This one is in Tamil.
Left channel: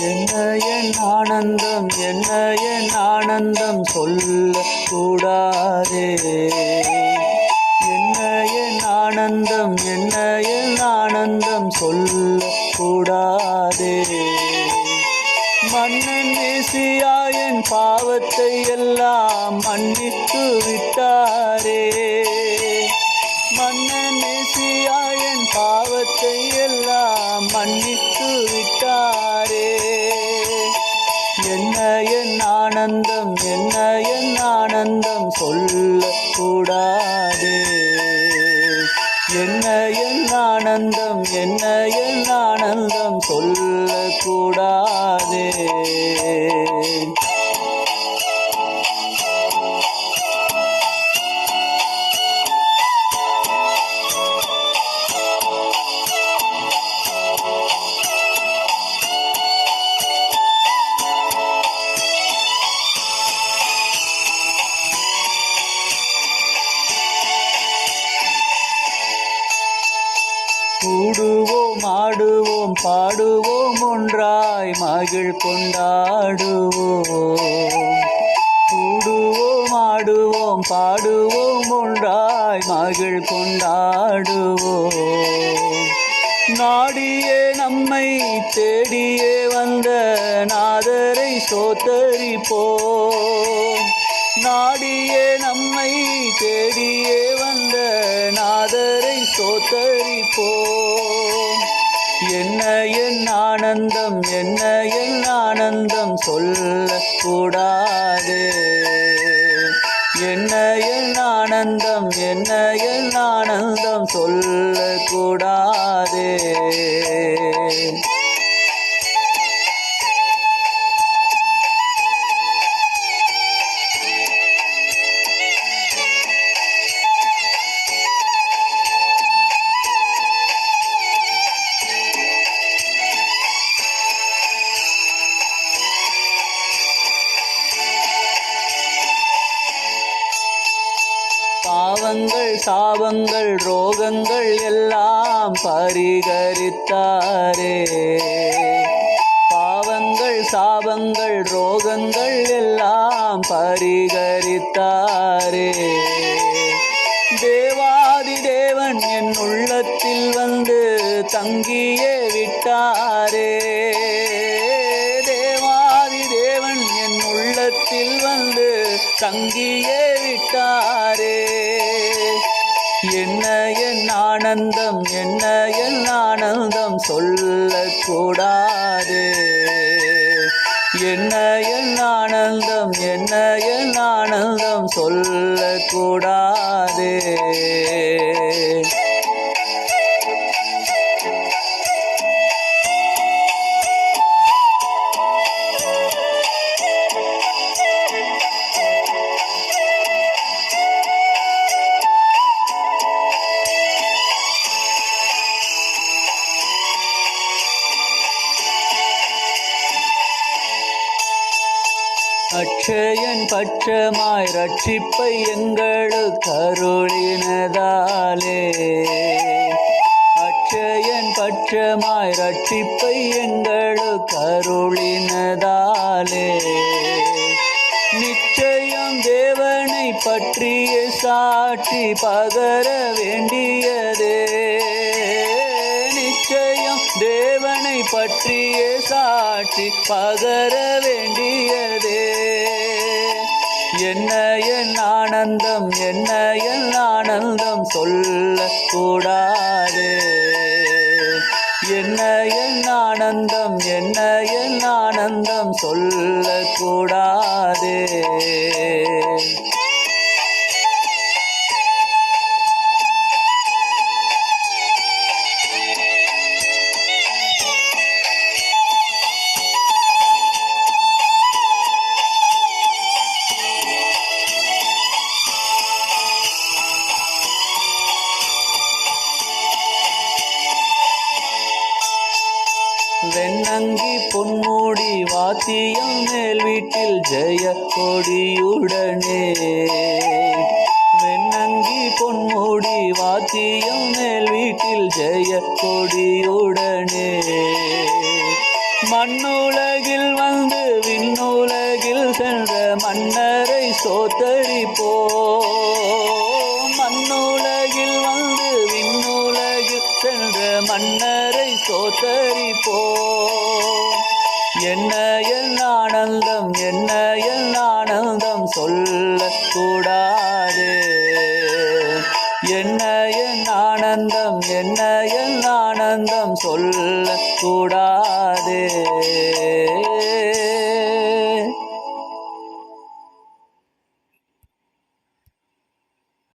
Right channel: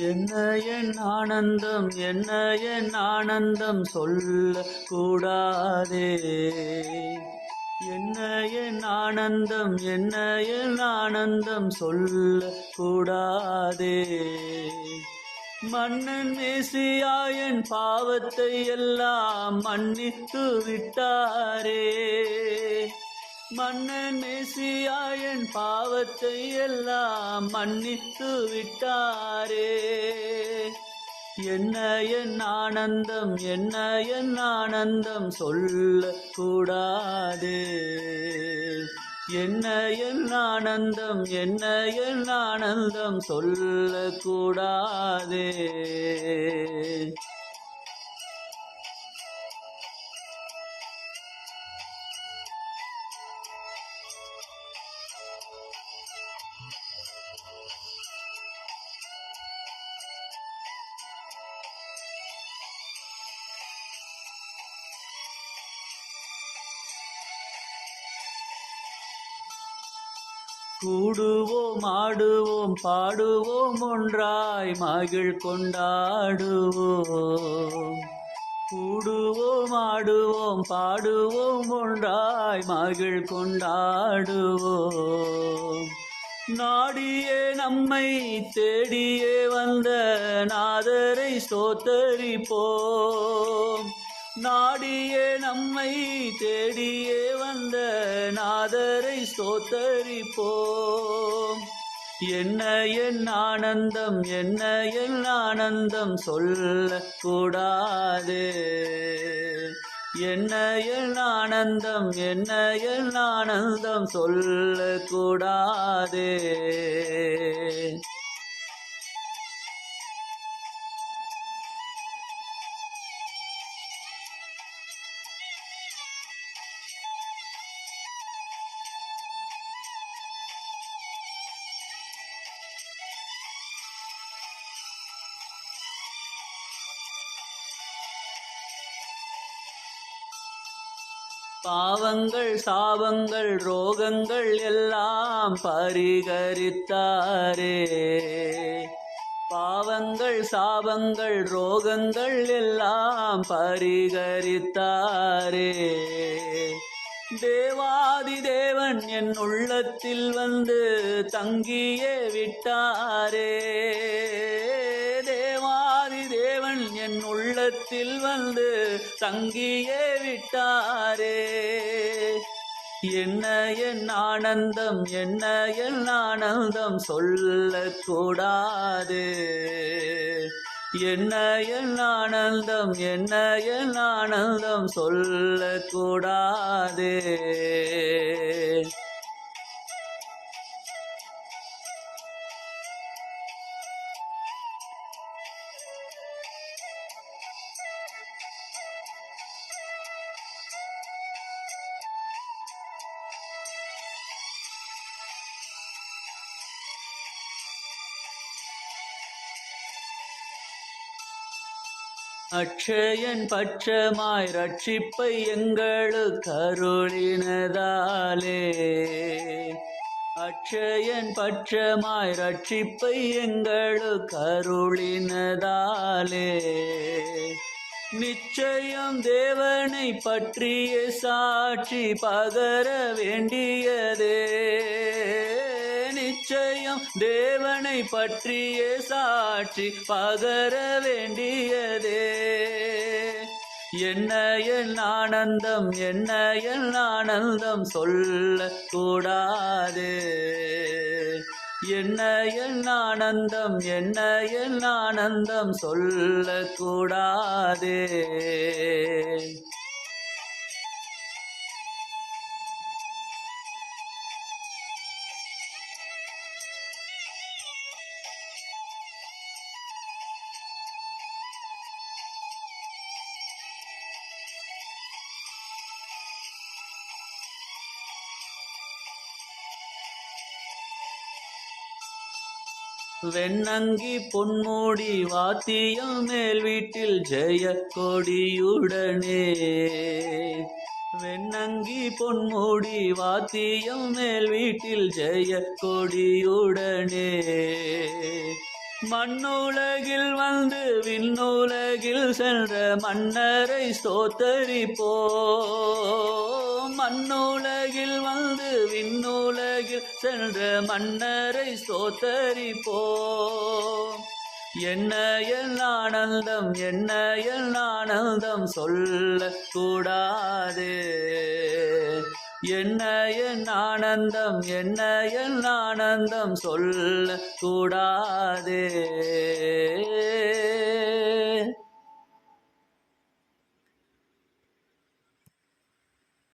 என்ன என் ஆனந்தம், என்ன என் ஆனந்தம் சொல்ல கூடாதே. என்ன என் ஆனந்தம், என்ன என் ஆனந்தம் சொல்ல கூடாதே. மன்னன் மேசியா என் பாவத்தை எல்லாம் மன்னித்து விட்டாரே. மன்னன் மேசியா என் பாவத்தை எல்லாம் மன்னித்து விட்டாரே. என்ன என் ஆனந்தம், என்ன என் ஆனந்தம் சொல்ல கூடாதே. என்ன என் ஆனந்தம், என்ன என் ஆனந்தம் சொல்ல கூடாதே. கூடுவோம், ஆடுவோம், பாடுவோம், ஒன்றாய் மகிழ் கொண்டாடுவோம். கூடுவோம், ஆடுவோம், பாடுவோம், ஒன்றாய் மகிழ் கொண்டாடுவோம். நாடியே நம்மை தேடியே வந்த நாதரை ஸ்தோத்தரிப்போம். நாடியே நம்மை தேடியே வந்த நாதரை ஸ்தோத்தரிப்போம். என்ன என் ஆனந்தம், என்ன என் ஆனந்தம் சொல்ல கூடாதே. என்ன என் ஆனந்தம், என்ன என் ஆனந்தம் சொல்ல கூடாதே. பாவங்கள், சாபங்கள், ரோகங்கள் எல்லாம் பரிகரித்தாரே. பாவங்கள், சாபங்கள், ரோகங்கள் எல்லாம் பரிகரித்தாரே. தேவாதி தேவன் என் உள்ளத்தில் வந்து தங்கியே விட்டாரே. தேவாதி தேவன் என் உள்ளத்தில் வந்து தங்கியே விட்டாரே. என்ன என் ஆனந்தம், என்ன என் ஆனந்தம் சொல்ல கூடாதே. என்ன என் ஆனந்தம், என்ன என் ஆனந்தம் சொல்ல கூடாதே. அட்சயன் பட்சமாய் ரட்சிப்பை எங்களுக்கு அருளினதாலே. அட்சயன் பட்சமாய் ரட்சிப்பை எங்களுக்கு அருளினதாலே. நிச்சயம் தேவனை பற்றிய சாட்சி பகர வேண்டியதே. நிச்சயம் தேவனை பற்றிய சாட்சி பகர வேண்டியதே. என்ன என் ஆனந்தம், என்ன என் ஆனந்தம் சொல்ல கூடாதே. என்ன என் ஆனந்தம், என்ன என் ஆனந்தம் சொல்ல கூடாதே. வெண்ணங்கி பொன்மூடி வாத்தியம் மேல் வீட்டில் ஜெய கொடியுடனே. வெண்ணங்கி பொன்மூடி வாத்தியம் மேல் வீட்டில் ஜெய கொடியுடனே. மண்ணுலை சோத்தரிப்போம். மண்ணுலகில் வந்து விண்ணுலகில் சென்ற மன்னரை சோத்தரிப்போம். என்ன என் ஆனந்தம், என்ன என் ஆனந்தம் சொல்லக்கூடாது. என்ன என் ஆனந்தம், என்ன என் ஆனந்தம் சொல்லக்கூடாது.